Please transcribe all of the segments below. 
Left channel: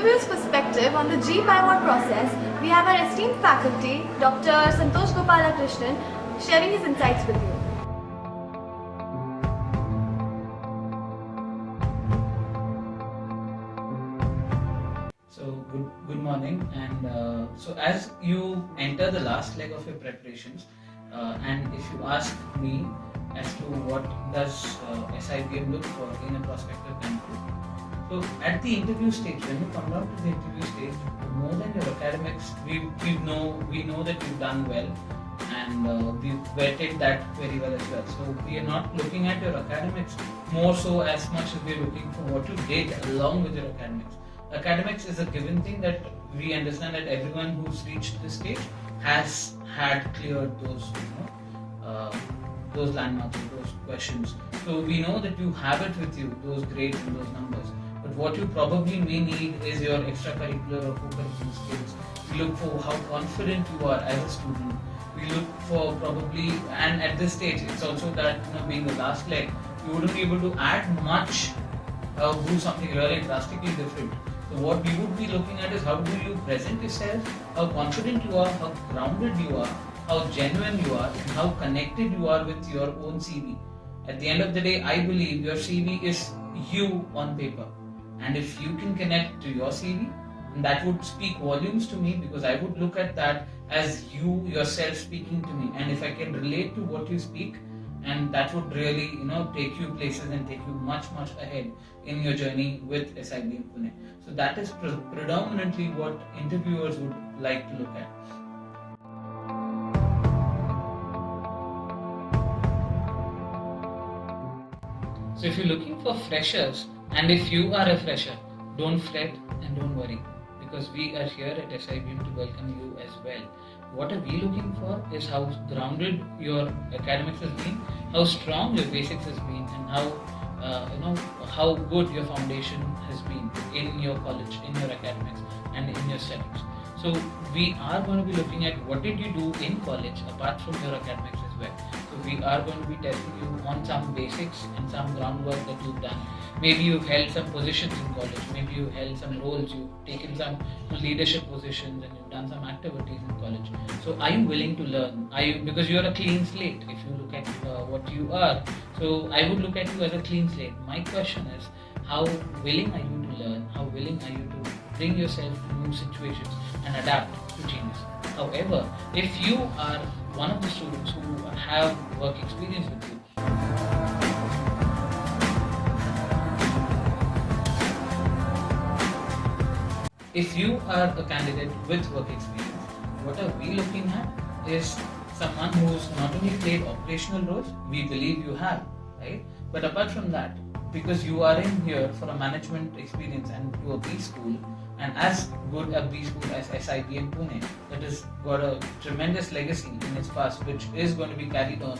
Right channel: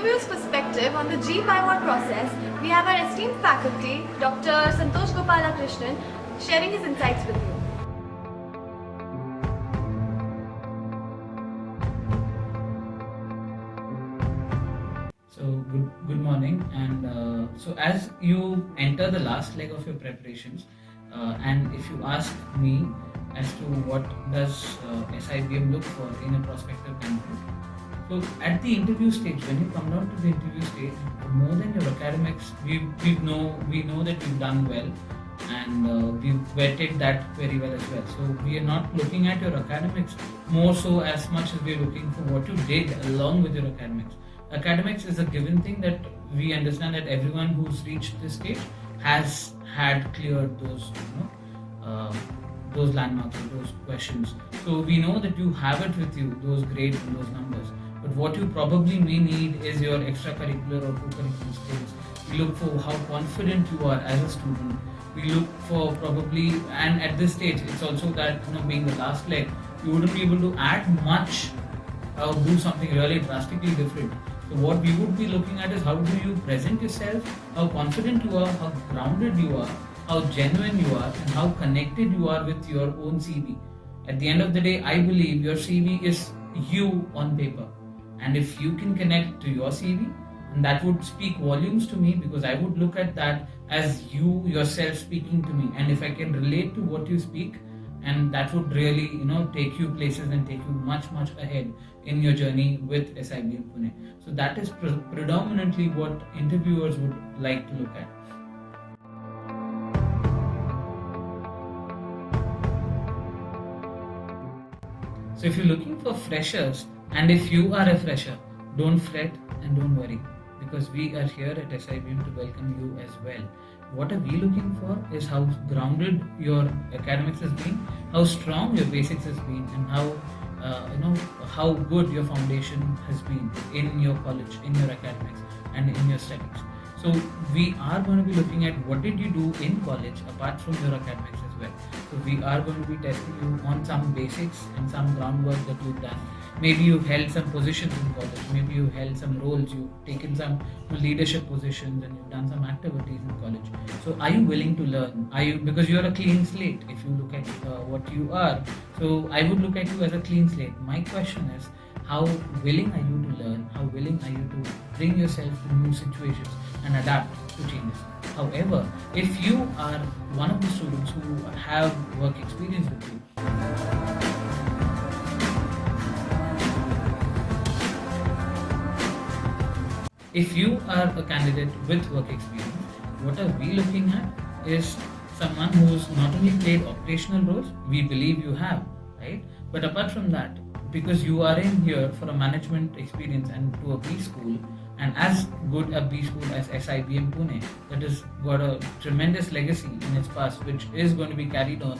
interview's perspective on the G5 process, we have our esteemed faculty, Dr. Santosh Gopalakrishnan, sharing his insights with you. So good morning, and so as you enter the last leg of your preparations, and if you ask me as to what does SIBM look for in a prospective candidate, so at the interview stage, when you come down to the interview stage, more than your academics, we know that you've done well, and we've vetted that very well as well. So we are not looking at your academics more so as much as we are looking for what you did along with your academics. Academics is a given thing that we understand that everyone who's reached this stage has had cleared those landmarks, those questions. So we know that you have it with you, those grades and those numbers. But what you probably may need is your extracurricular or co-curricular skills. We look for how confident you are as a student. We look for probably, and at this stage, it's also that being the last leg, you wouldn't be able to add much or do something really drastically different. So what we would be looking at is how do you present yourself, how confident you are, how grounded you are, how genuine you are, and how connected you are with your own CV. At the end of the day, I believe your CV is you on paper. And if you can connect to your CV, and that would speak volumes to me, because I would look at that as you yourself speaking to me. And if I can relate to what you speak, and that would really take you places and take you much ahead in your journey with SIBM Pune. So that is predominantly what interviewers would like to look at. So if you're looking for freshers, and if you are a fresher, don't fret and don't worry, because we are here at SIBM to welcome you as well. What are we looking for is how grounded your academics has been, how strong your basics has been, and how good your foundation has been in your college, in your academics, and in your studies. So we are going to be looking at what did you do in college apart from your academics as well. So we are going to be testing you on some basics and some groundwork that you've done. Maybe you've held some positions in college, maybe you've held some roles, you've taken some leadership positions, and you've done some activities in college. So are you willing to learn? Because you're a clean slate if you look at what you are. So I would look at you as a clean slate. My question is, how willing are you to learn? How willing are you to bring yourself to new situations and adapt to changes? However, if you are one of the students who have work experience with you, if you are a candidate with work experience, what are we looking at is someone who's not only played operational roles, we believe you have, right? But apart from that, because you are in here for a management experience and to a B school, and as good a B school as SIBM Pune, that has got a tremendous legacy in its past, which is going to be carried on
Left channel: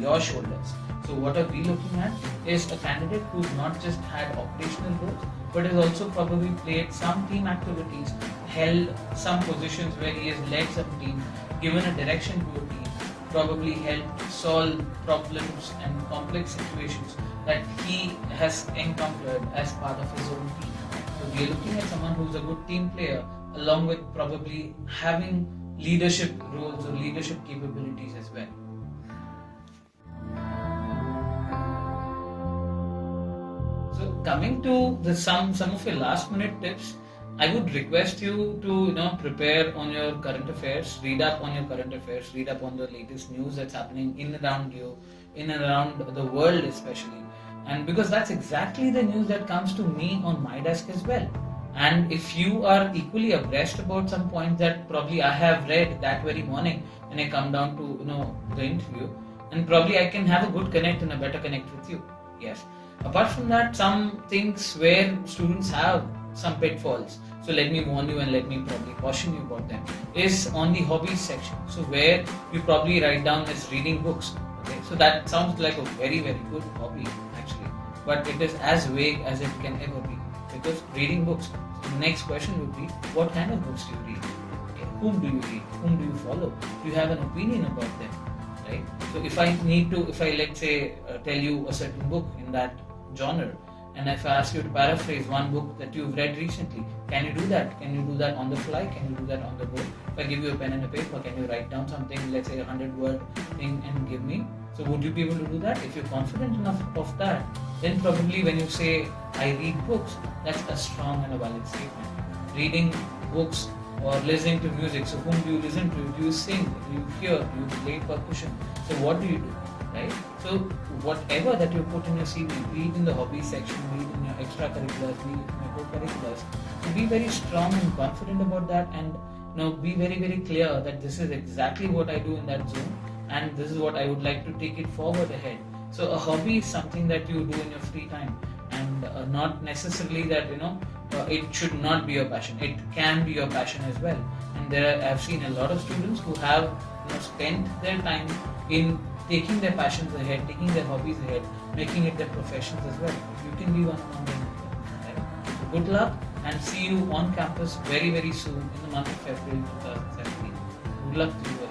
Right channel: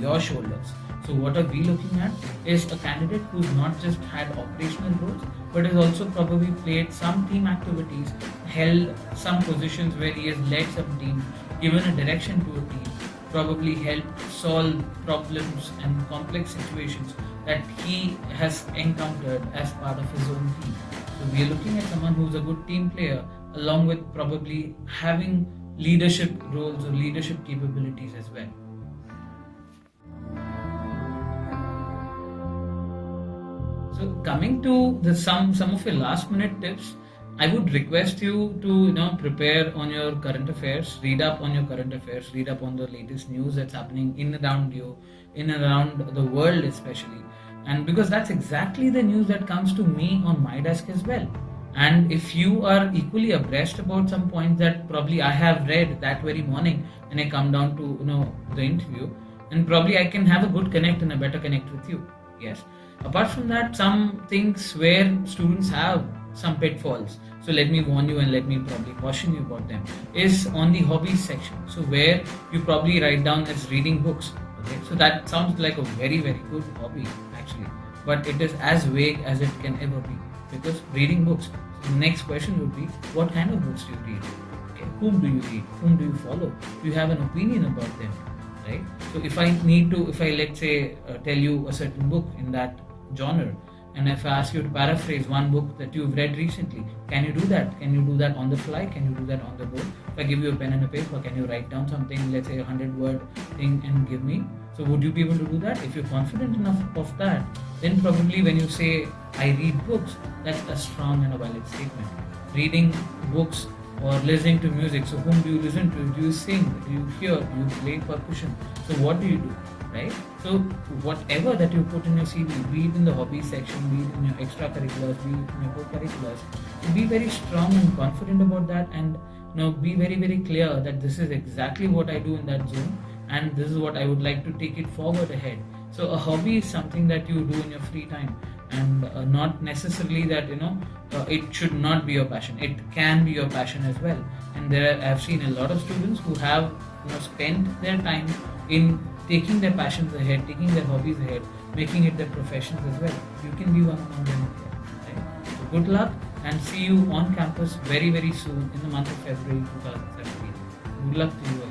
your shoulders. So what are we looking at is a candidate who's not just had operational roles, but has also probably played some team activities, held some positions where he has led some teams, given a direction to a team, probably helped solve problems and complex situations that he has encountered as part of his own team. So we are looking at someone who's a good team player, along with probably having leadership roles or leadership capabilities as well. So coming to some of your last minute tips, I would request you to prepare on your current affairs, read up on your current affairs, read up on the latest news that's happening in and around you, in and around the world especially. And because that's exactly the news that comes to me on my desk as well. And if you are equally abreast about some points that probably I have read that very morning when I come down to the interview, and probably I can have a good connect and a better connect with you. Yes. Apart from that, some things where students have some pitfalls, so let me warn you and let me probably caution you about them, is on the hobbies section. So where you probably write down as reading books. Okay, so that sounds like a very good hobby actually, but it is as vague as it can ever be, because reading books. So the next question would be, what kind of books do you read? Okay, whom do you read? Whom do you follow? Do you have an opinion about them? Right? So if I let's say tell you a certain book in that genre, And if I ask you to paraphrase one book that you've read recently, can you do that? Can you do that on the fly? Can you do that on the go? If I give you a pen and a paper, can you write down something, let's say 100-word thing, and give me? So would you be able to do that? If you're confident enough of that, then probably when you say, I read books, that's a strong and a valid statement. Reading books or listening to music, so whom do you listen to? Do you sing? Do you hear? Do you play percussion? So what do you do? Right? So whatever that you put in your CV, be it in the hobby section, be it in your extracurriculars, be it in your co-curriculars, be very strong and confident about that, and be very, very clear that this is exactly what I do in that zone, and this is what I would like to take it forward ahead. So a hobby is something that you do in your free time, and not necessarily that it should not be your passion. It can be your passion as well. And I've seen a lot of students who have spent their time in taking their passions ahead, taking their hobbies ahead, making it their professions as well. You can be one among them. Right? So good luck, and see you on campus very, very soon in the month of February 2017. Good luck to you.